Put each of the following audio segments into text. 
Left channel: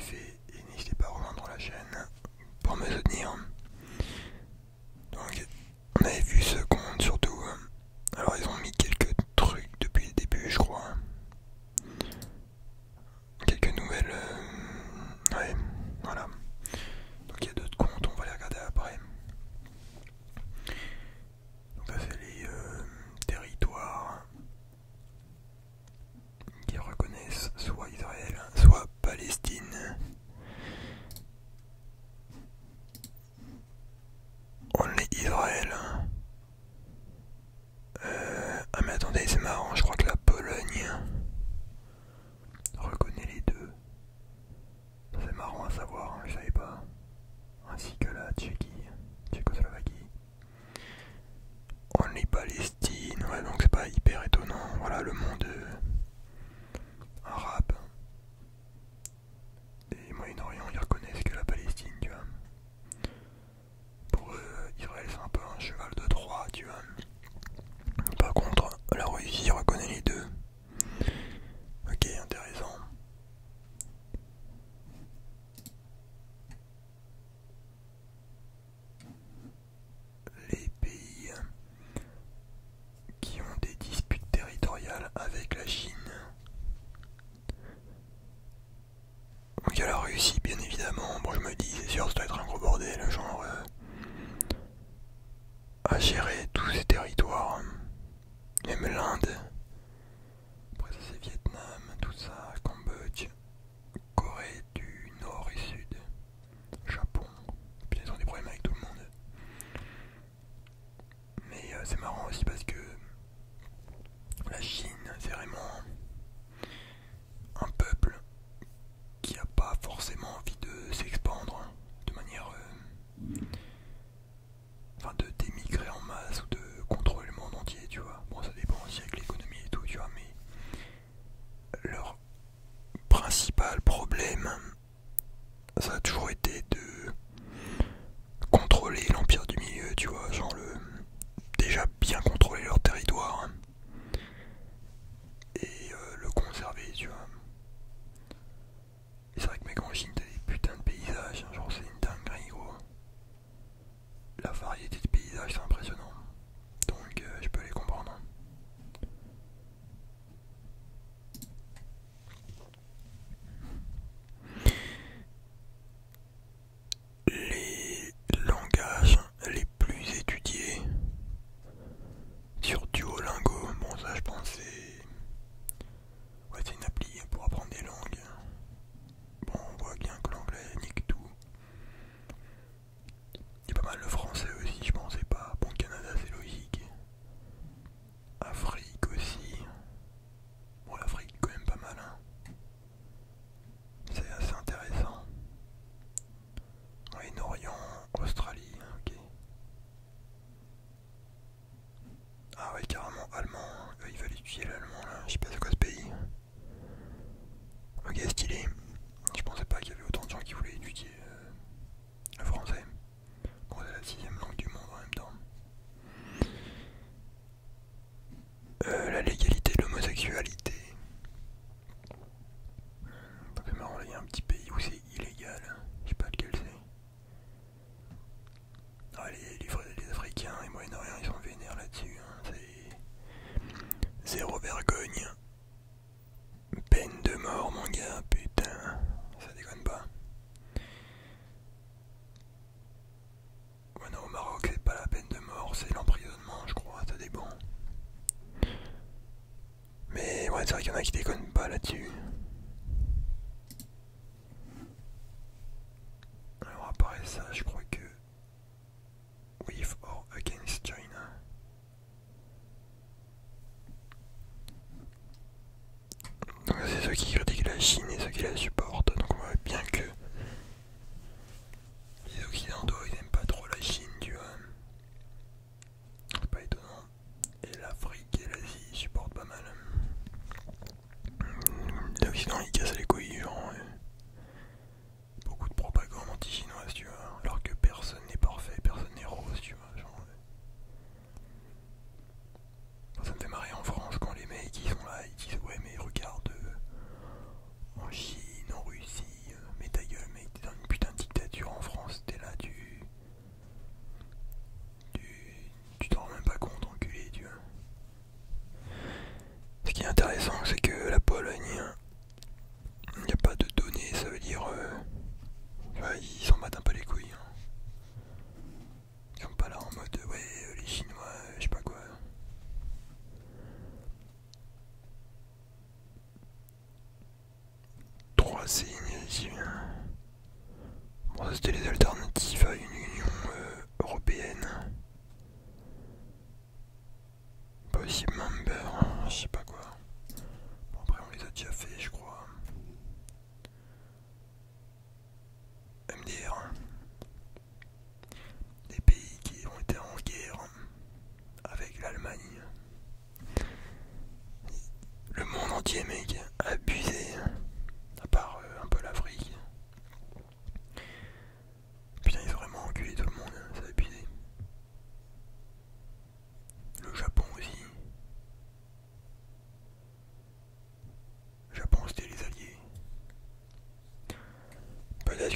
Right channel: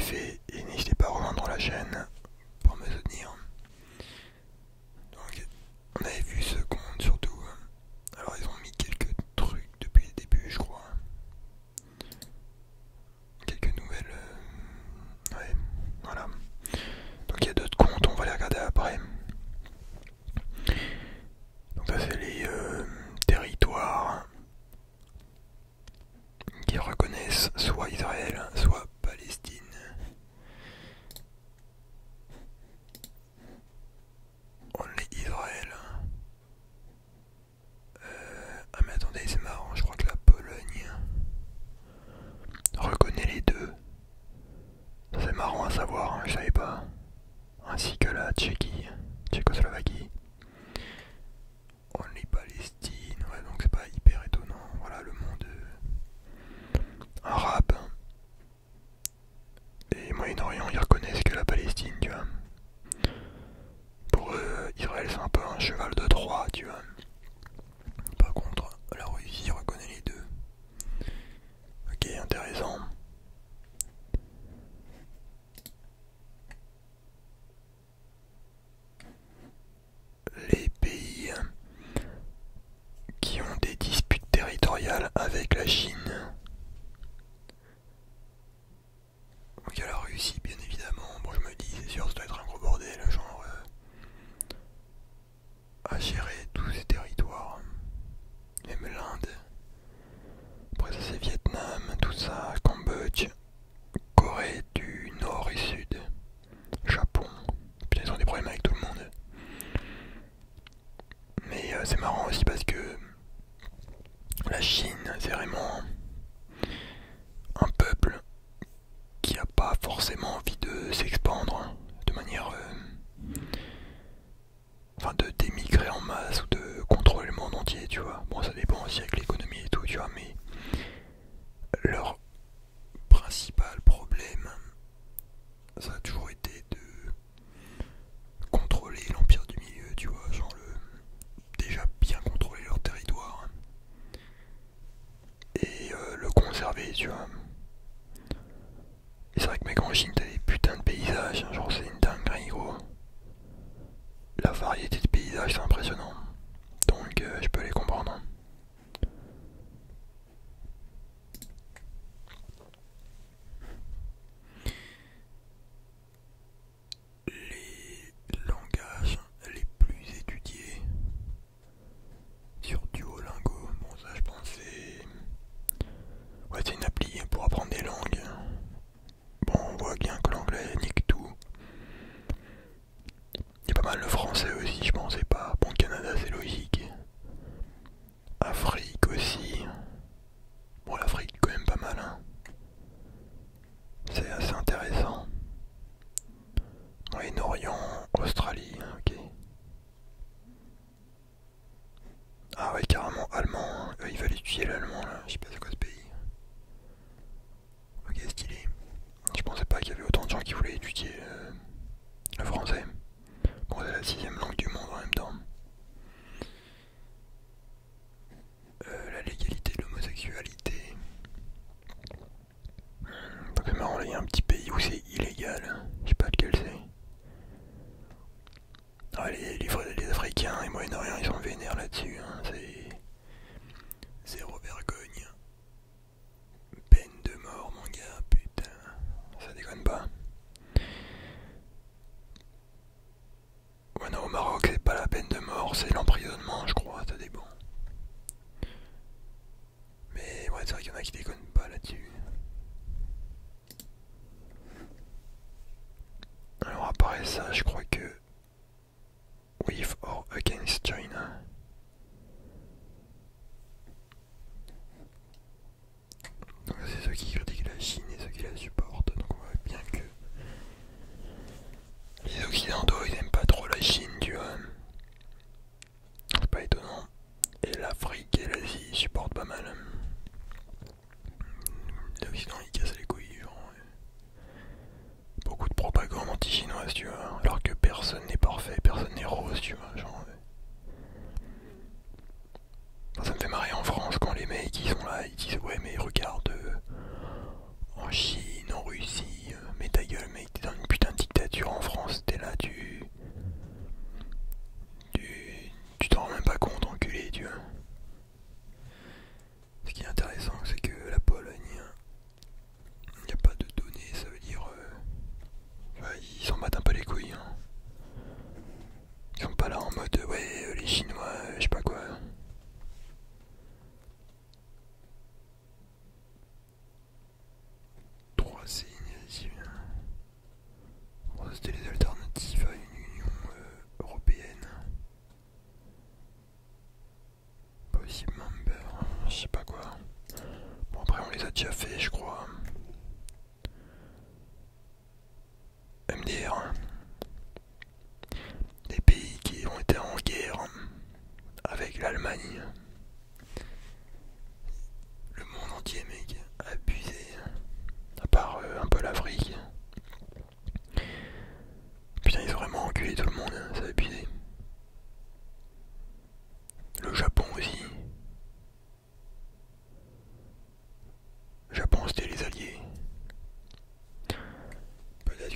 kiffé et n'hésitez pas à rejoindre la chaîne pour me soutenir. Donc on avait vu ce compte surtout. Alors ils ont mis quelques trucs depuis le début je crois. Quelques nouvelles. Ouais, voilà. Donc il y a d'autres comptes, on va les regarder après. Donc ça c'est les territoires qui reconnaissent soit Israël, soit Palestine. On est Israël. Ah mais attendez, c'est marrant, je crois que la Pologne reconnaît les deux. C'est marrant à savoir, hein, je savais pas. Ainsi que la Tchécoslovaquie. On est Palestine, ouais donc c'est pas hyper étonnant. Voilà le monde arabe et Moyen-Orient ils reconnaissent que la Palestine, tu vois. Pour eux, Israël c'est un peu un cheval de Troie, tu vois. Par contre, la Russie reconnaît les deux. Ok, intéressant. Les pays qui ont des disputes territoriales avec la Chine. Donc il y a la Russie bien évidemment. Bon je me dis c'est sûr ça doit être un gros bordel, genre à gérer tous ces territoires. Même l'Inde. Après ça c'est Vietnam, tout ça, Cambodge, Corée du Nord et Sud, Japon. Puis ils ont des problèmes avec tout le monde. Mais c'est marrant aussi parce que la Chine c'est vraiment un peuple qui a pas forcément envie de s'expandre de manière enfin de d'émigrer en masse ou de contrôler le monde entier, tu vois. Bon ça dépend aussi avec l'économie et tout, tu vois, mais leur principal problème ça a toujours été de contrôler l'empire du milieu, tu vois, genre déjà bien contrôler leur territoire et le conserver, tu vois. Et c'est vrai que mec en Chine t'as des putains de paysages, hein, genre c'est une dinguerie gros. La variété de paysages c'est impressionnant. Donc je peux les comprendre. Les langages les plus étudiés sur Duolingo, bon ça je pense c'est... Ouais c'est une appli pour apprendre des langues. Bon on voit bien que l'anglais nique tout. Il y a pas mal le français aussi je pensais pas. Bon Canada c'est logique. Afrique aussi. Bon l'Afrique quand même pas mal hein. C'est assez intéressant. Moyen-Orient, Australie, ok. Ah ouais carrément allemand, hein. Ils veulent étudier l'allemand là, je sais pas c'est quoi ce pays. Ok stylé. Je pensais pas qu'il y avait autant de gens qui voulaient étudier le français. Bon c'est la 6ème langue du monde en même temps. La légalité de l'homosexualité. Donc c'est marrant là il y a un petit pays où c'est illégal. Je sais pas lequel c'est. Ah les Africains et Moyen-Orient ils sont vénères là-dessus. Hein. C'est zéro vergogne. Peine de mort mon gars, putain. Ça déconne pas. Ouais non au Maroc c'est pas la peine de mort, c'est l'emprisonnement je crois, ça dépend. Mais ouais c'est vrai qu'il y en a qui déconnent pas là-dessus. Alors après ça je crois que with or against China. Donc c'est ceux qui critiquent la Chine et ceux qui la supportent. Donc on voit bien que les occidentaux ils aiment pas trop la Chine, tu vois. C'est pas étonnant. Et l'Afrique et l'Asie supportent pas mal. De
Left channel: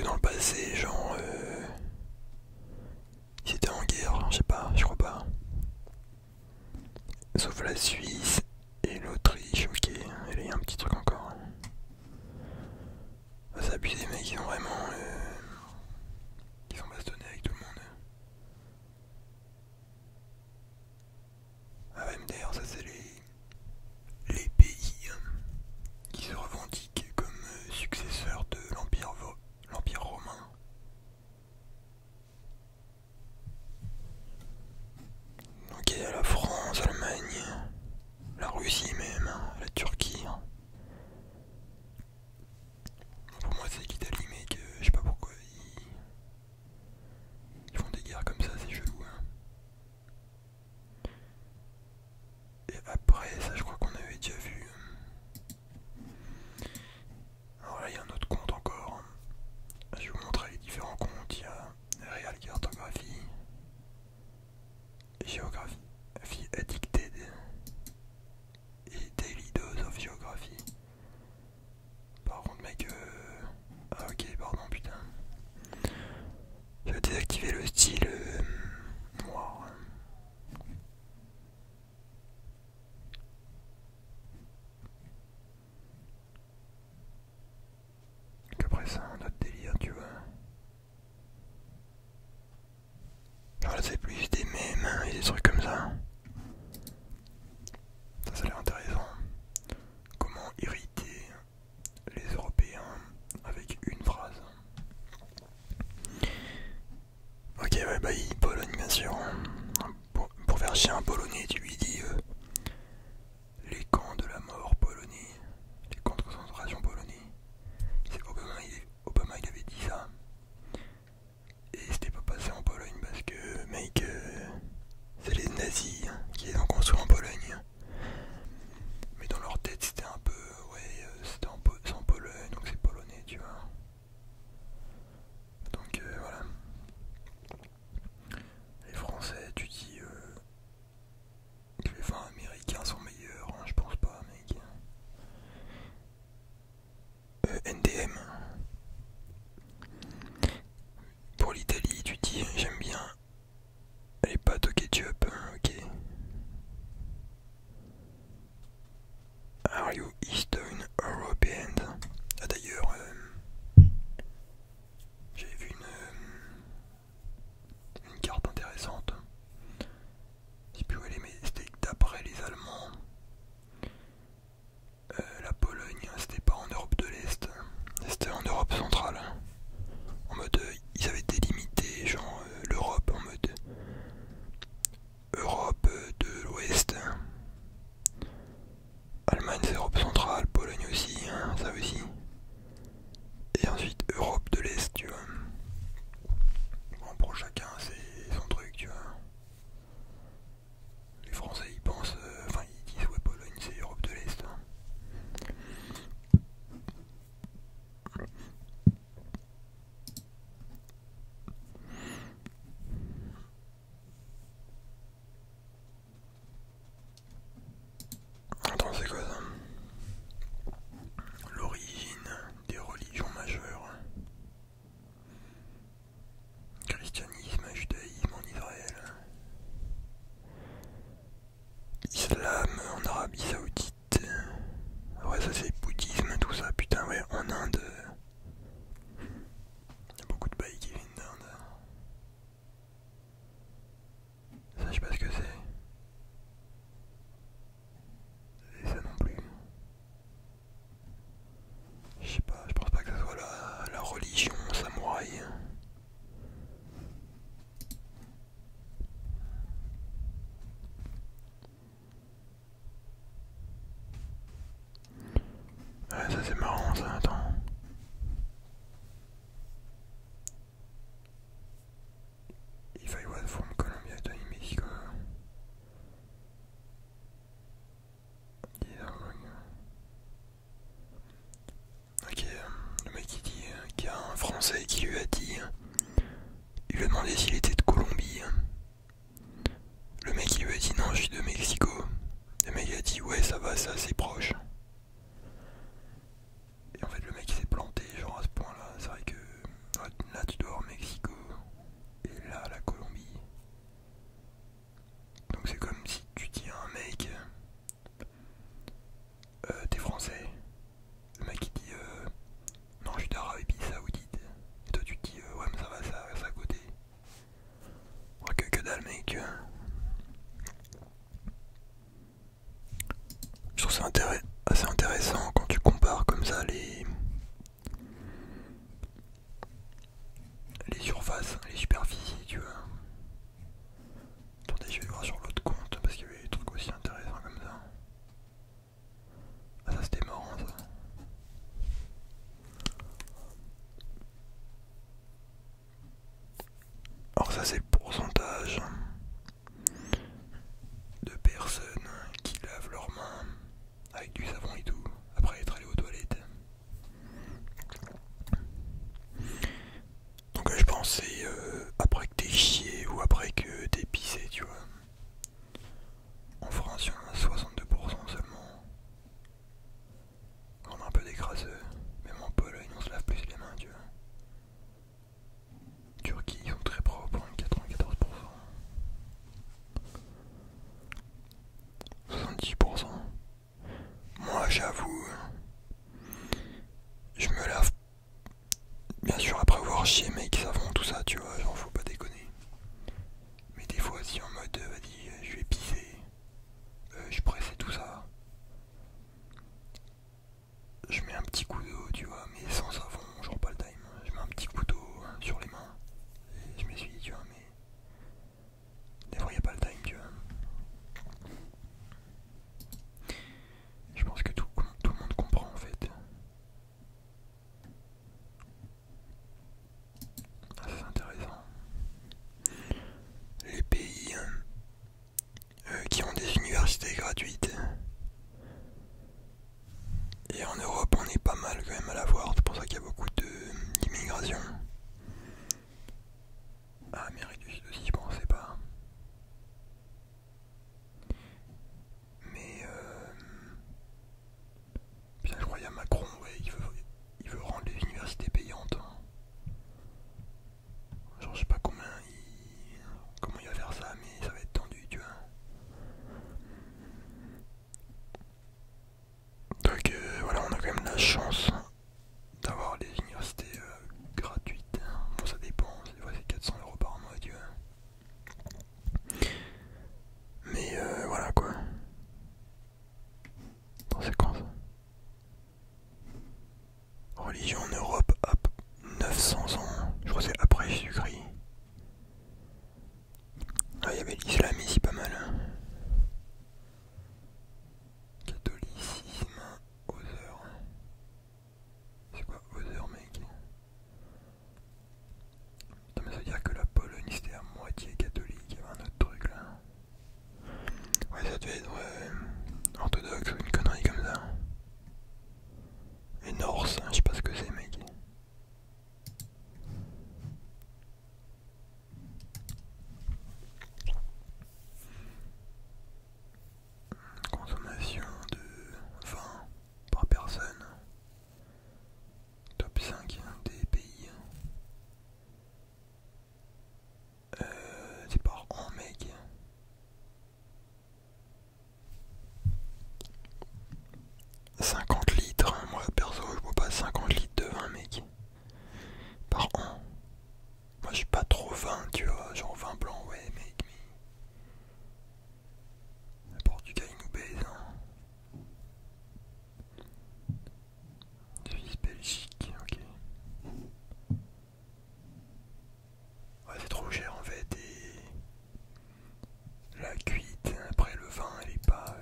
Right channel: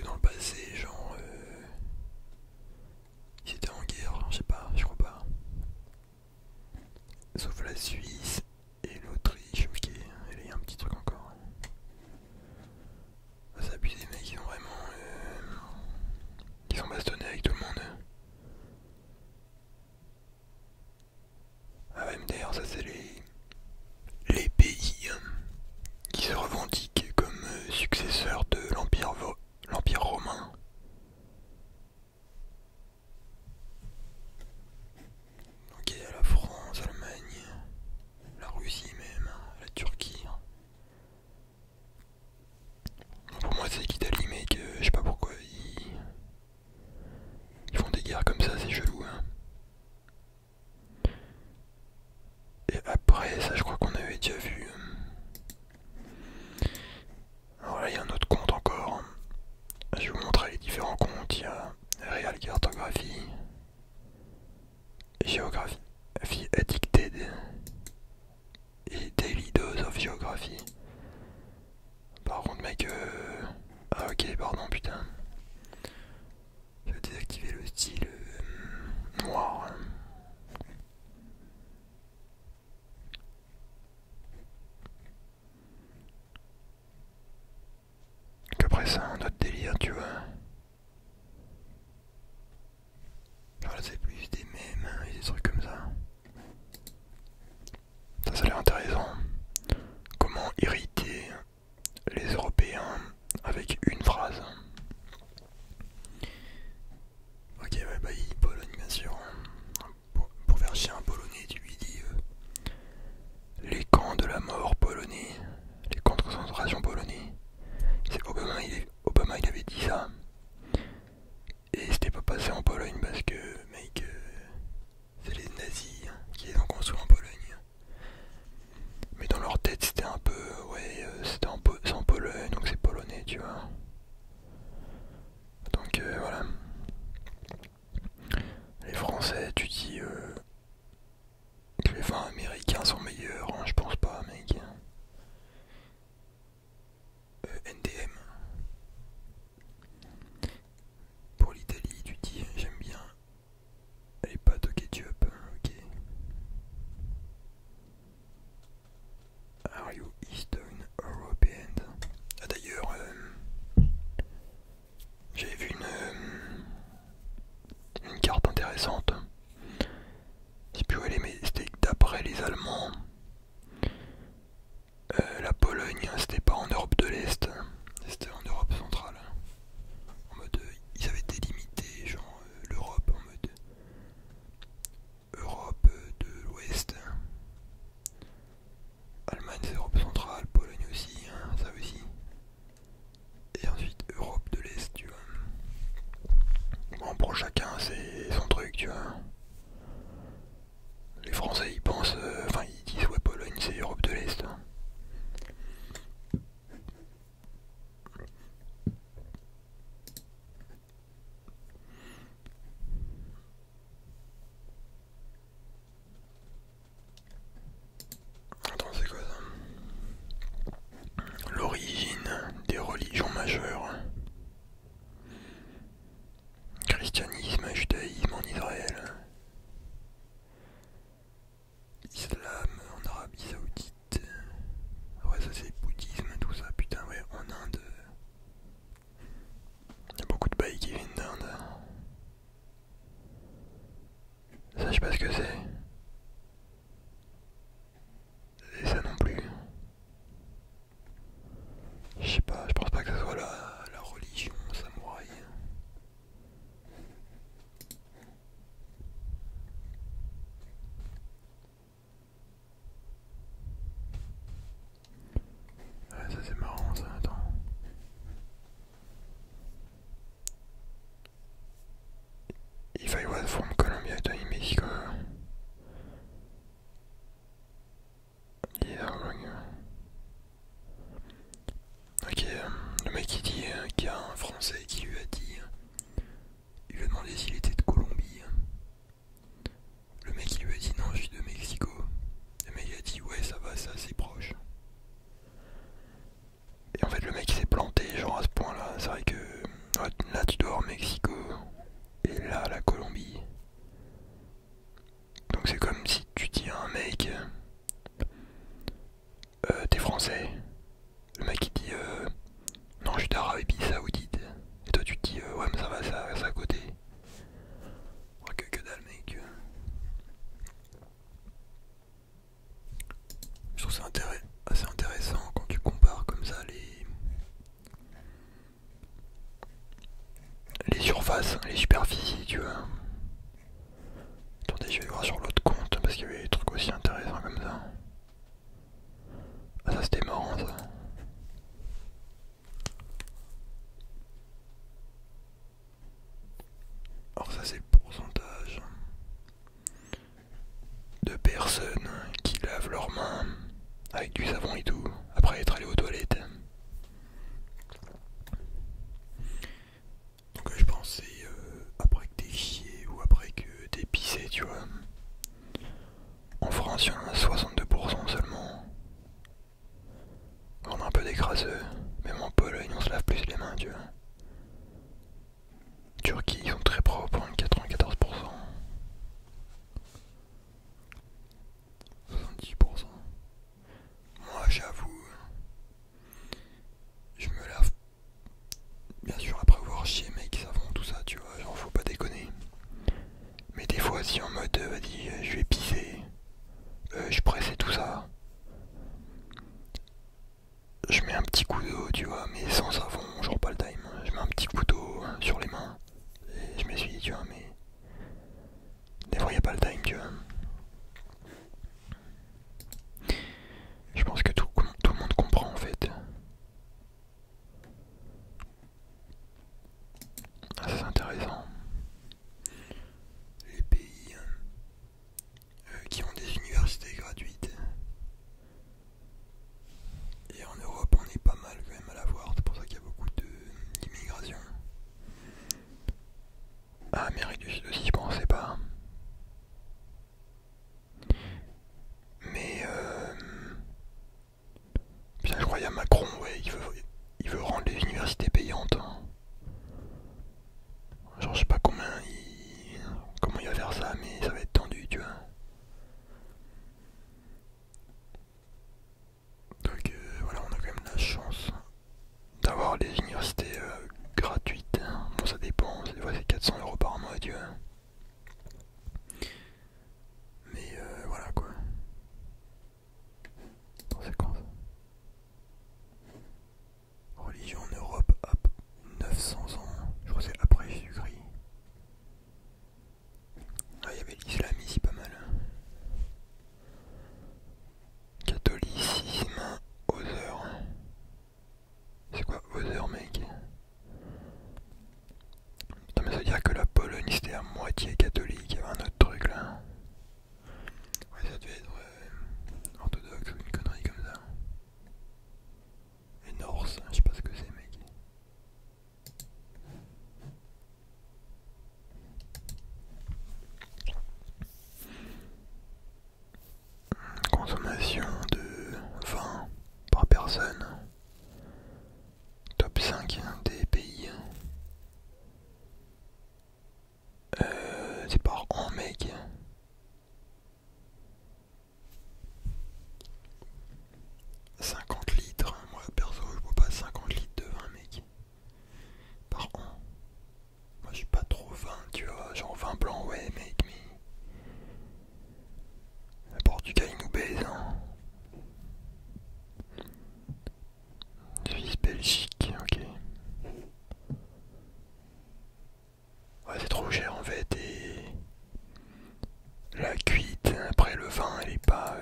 que dans le passé, genre, ils étaient en guerre, je sais pas, je crois pas. Sauf la Suisse et l'Autriche, ok. Et là, il y a un petit truc encore. Ah, ça abusé, mec, ils ont vraiment. Ils sont bastonnés avec tout le monde. Ah, MDR, ça c'est les pays qui se revendiquent comme successeurs de l'Empire romain. Donc il y a la France, l'Allemagne, la Russie même, la Turquie. Pour moi c'est l'Italie, mec, je sais pas pourquoi ils font des guerres comme ça, c'est chelou. Hein. Et après ça je crois qu'on avait déjà vu. Alors là il y a un autre compte encore. Je vais vous montrer les différents comptes. Il y a Real Cartographie, Géographie Addicted et Daily Dose of Geography. Par contre mec, ah ok pardon putain. Je vais désactiver le style noir. Qu'après ça un autre délire tu vois. Genre là c'est plus des mèmes et des trucs comme ça. Ça a l'air intéressant. Comment irriter les Européens avec une phrase. Ok ouais bah Pologne bien sûr. Pour faire chier un Polonais tu lui dis les camps de la mort polonais. Les camps de concentration polonais. C'est Obama il avait dit ça. Et c'était pas passé en Pologne parce que mec c'est les nazis qui les ont construits en Pologne. Mais dans leur tête c'était un peu ouais c'était c'est en Pologne donc c'est polonais tu vois. Donc voilà. Les Français tu dis que les vins américains sont meilleurs, hein, je pense pas mec. NDM. Pour l'Italie tu dis j'aime bien les pâtes au ketchup, ok. Are you Eastern European? Ah d'ailleurs, j'avais vu une carte intéressante. Je sais plus où elle est, mais c'était d'après les Allemands. La Pologne, c'était pas en Europe de l'Est, c'était en Europe centrale. En mode, ils avaient délimité genre l'Europe en mode Europe de l'Ouest. Allemagne c'est Europe centrale, Pologne aussi, hein, ça aussi. Et ensuite Europe de l'Est, tu vois. Bon, pour chacun c'est son truc, tu vois. Les Français ils pensent, enfin ils disent ouais Pologne c'est Europe de l'Est. Hein. Attends c'est quoi ça? L'origine des religions majeures. Christianisme, judaïsme en Israël. Islam en Arabie Saoudite. Ouais ça c'est bouddhisme tout ça, putain ouais en Inde. Il y a beaucoup de bails qui viennent d'Inde. Ça je sais pas ce que c'est. Et ça non plus. Je sais pas, je pense pas que ce soit la religion samouraï. Ouais, ça c'est marrant ça, attends. If I was from Colombia, Tony Mexico. Yeah, ok, le mec il dit qu'il y a un Français qui lui a dit, il lui a demandé s'il était de Colombie. Le mec il lui a dit non, je suis de Mexico. Le mec il a dit ouais ça va, c'est assez proche. Et en fait le mec il s'est planté genre à ce point là, c'est vrai que surface, les superficies, tu vois. Attendez, je vais voir sur l'autre compte parce qu'il y avait des trucs aussi intéressants comme ça. Ah, ça c'était marrant ça. Alors ça c'est le pourcentage de personnes qui lavent leurs mains avec du savon et tout après être allé aux toilettes. Donc je pensais après que t'es chié ou après que t'es pissé, tu vois. En France, il y en a 62% seulement. On a un peu d'écraseux. Même en Pologne, on se lave plus les mains, tu vois. Turquie, ils sont très propres, 94%. 70%. Moi, j'avoue, je me lave bien sûr après avoir chié, mec, savon, tout ça, tu vois, genre faut pas déconner. Mais des fois, si en mode, vas-y, je vais pisser, je presse et tout ça, je mets un petit coup d'eau, tu vois, mais sans savon, genre pas le time. Je mets un petit coup d'eau sur les mains et je m'essuie, tu vois, mais des fois, y a pas le time, tu vois. Je pense que tout le monde comprend en fait. Ah, c'est intéressant. Les pays qui ont des universités gratuites. Et en Europe, on est pas mal quand même à l'avoir. C'est pour ça qu'il y a beaucoup d'immigration. Ah, Amérique du Sud aussi, je pensais pas. Mais putain, je crois qu'il y a Macron, ouais, il veut rendre les universités payantes, hein. Genre, je sais pas comment il va faire ça, mais ça va être tendu, tu vois. Donc voilà, on a quand même la chance d'avoir des universités gratuites. Bon, ça dépend, des fois c'est 400 € par mois, tu vois. Mais voilà quoi. Dans c'est quand ça? Religion en Europe, hop, 900 ans. Je crois que c'est après Jésus-Christ. Ah, il y avait l'islam ici pas mal, hein. Catholicisme, Other. C'est quoi Other, mec? Putain, mais ça veut dire que la Pologne c'était à moitié catholique. Il y avait un autre truc là. Ouais, ça devait être orthodoxe ou une connerie comme ça. Et Norse, je sais pas ce que c'est, mec. Consommation de vin par personne. Top 5 des pays. C'est par an, mec. « 50 litres, moi perso je bois pas 50 litres de vin, mec, par an. Moi je suis pas trop vin, tu vois, genre vin blanc, ouais mec, mais le Portugal il nous baise, hein. Suisse, Belgique, ok. Ouais, c'est trop cher en fait, et la cuite, après le vin elle est pas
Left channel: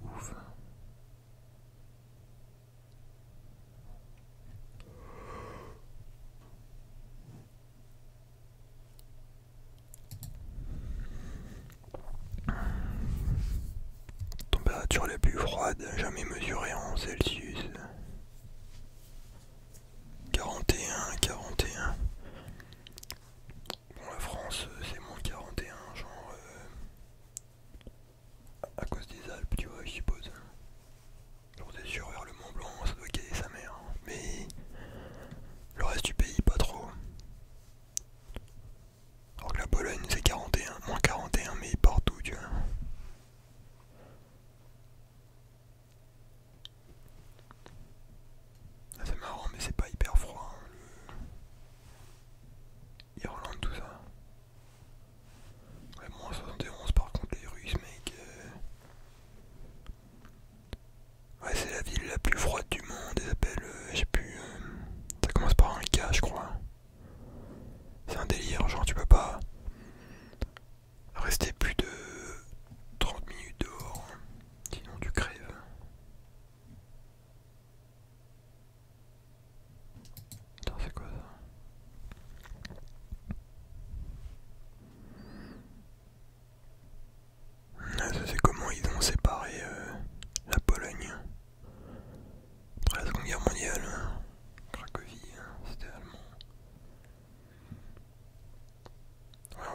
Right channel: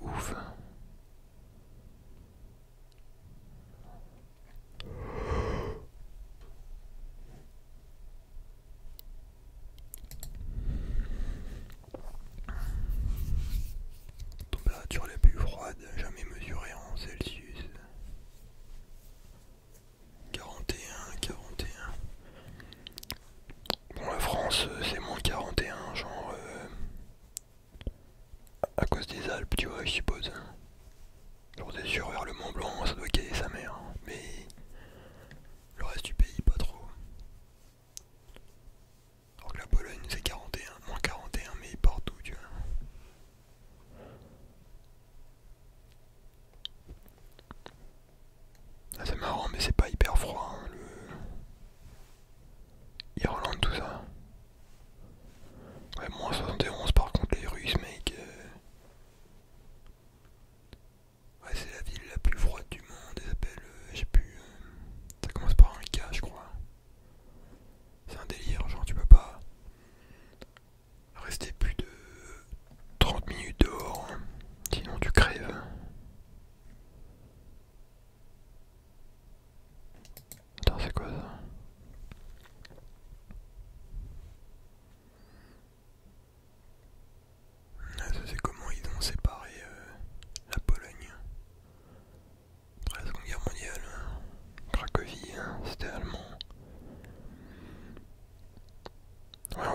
ouf. Température la plus froide jamais mesurée en Celsius. 41, 41. Bon, la France c'est moins 41, genre à cause des Alpes, tu vois, je suppose. Genre c'est sûr, vers le Mont Blanc, ça doit caler sa mère. Mais le reste du pays, pas trop. Alors que la Pologne c'est 41, moins 41, mais partout, tu vois.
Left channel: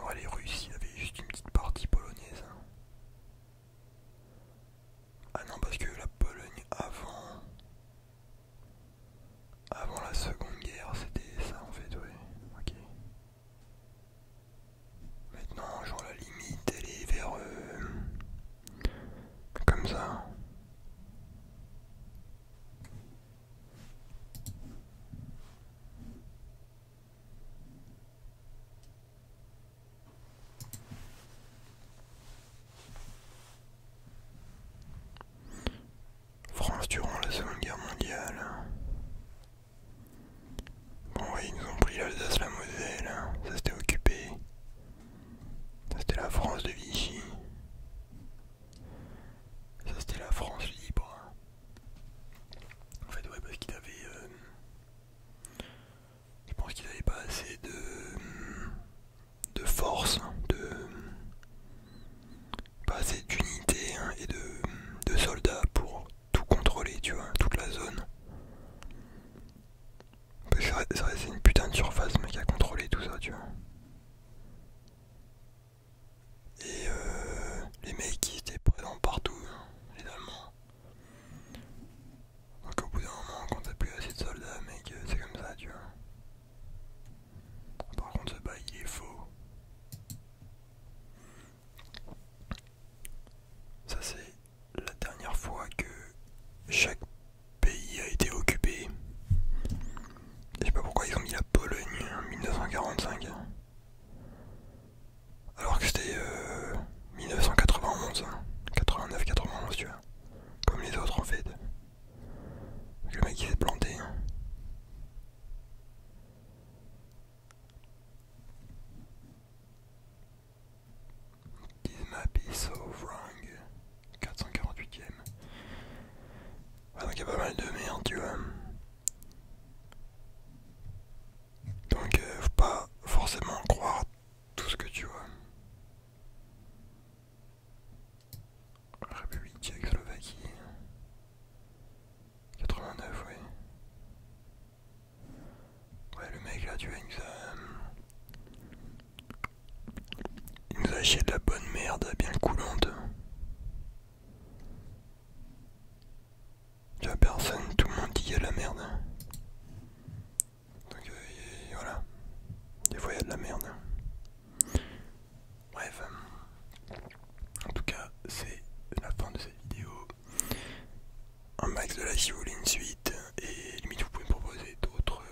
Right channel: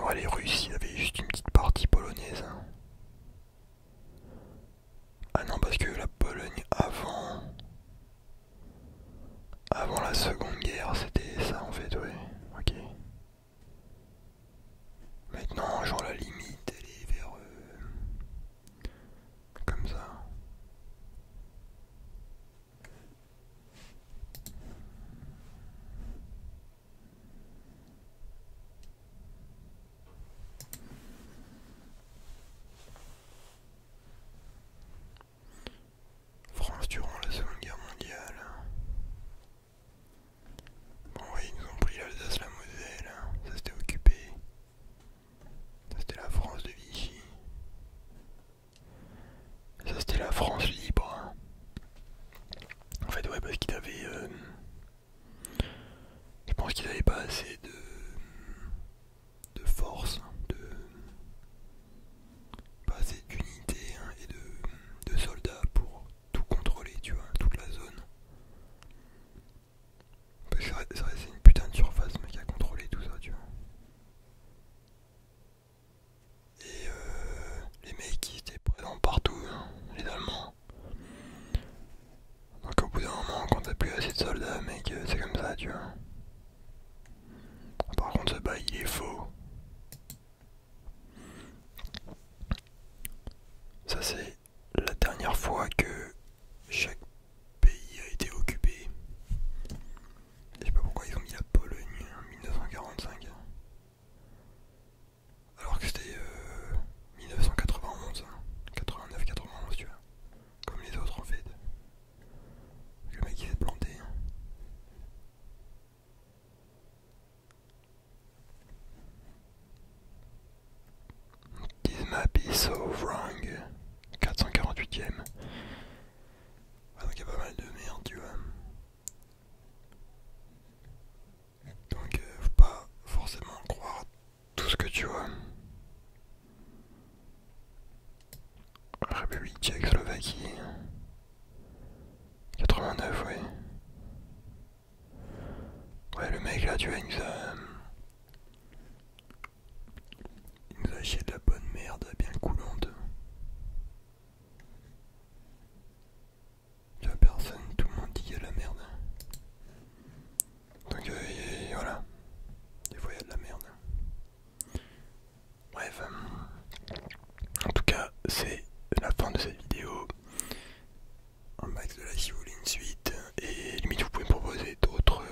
vrai, les Russes, ils avaient juste une petite partie polonaise. Ah non, parce que la Pologne avant la Seconde Guerre, c'était ça en fait, ouais. Ok. Maintenant, genre la limite, elle est vers comme ça. France durant la Seconde Guerre mondiale. Bon, ouais, ils nous ont pris l'Alsace, la Moselle. Ça c'était occupé. Ça c'était la France de Vichy. Ça c'était la France libre. En fait, ouais, parce qu'ils avaient. Je pense qu'ils n'avaient pas assez de force, pas assez d'unité et de soldats pour tout contrôler, tu vois, toute la zone. Parce que ça reste une putain de surface, mec, à contrôler tout ça, tu vois. Et les mecs qui étaient présents partout, hein, les Allemands. Donc au bout d'un moment, quand t'as plus assez de soldats, mec, c'est comme ça, tu vois. Par contre, ce bail, il est faux. Ça, c'est la dernière fois que chaque pays a été occupé. Je sais pas pourquoi ils ont mis la Pologne en 1945. Alors que c'était 1991, 89-91, tu vois. Comme les autres en fait. Le mec il s'est planté. This map is so wrong. 448ème. Ouais, donc il y a pas mal de merde, tu vois. Donc faut pas forcément croire tout ce que tu vois. République Tchécoslovaquie. 89, ouais. Ouais, le mec là, tu vois, il nous a chié de la bonne merde bien coulante. Tu vois, personne, tout le monde dit qu'il y a de la merde. Donc voilà, des fois il y a de la merde. Bref, en tout cas, c'est la fin de cette vidéo. Un max de like si vous voulez une suite. Et limite, vous pouvez me proposer d'autres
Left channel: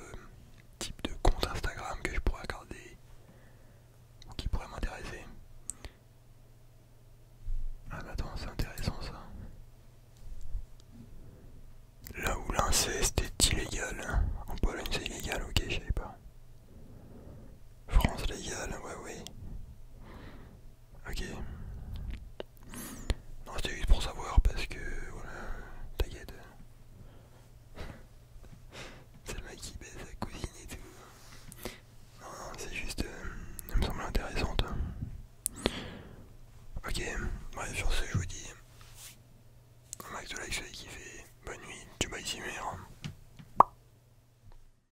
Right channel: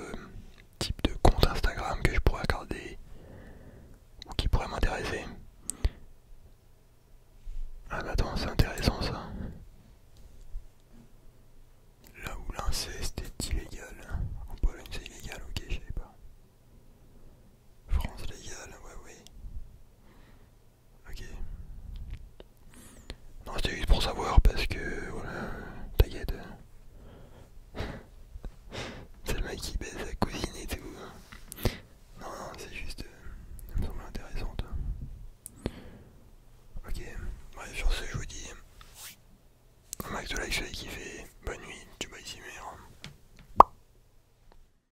types de comptes Instagram que je pourrais regarder ou qui pourraient m'intéresser. Ah mais attends, c'est intéressant ça. Là où l'inceste est illégal. En Pologne c'est illégal, ok, je savais pas. France légale, ouais. Ok. Non, c'était juste pour savoir parce que, voilà, t'inquiète. C'est le mec qui baise sa cousine et tout. Non, c'est juste, ça me semble intéressante. Ok, bref, sur ce, je vous dis un max de like, je l'ai kiffé. Bonne nuit, tu bye, Simer.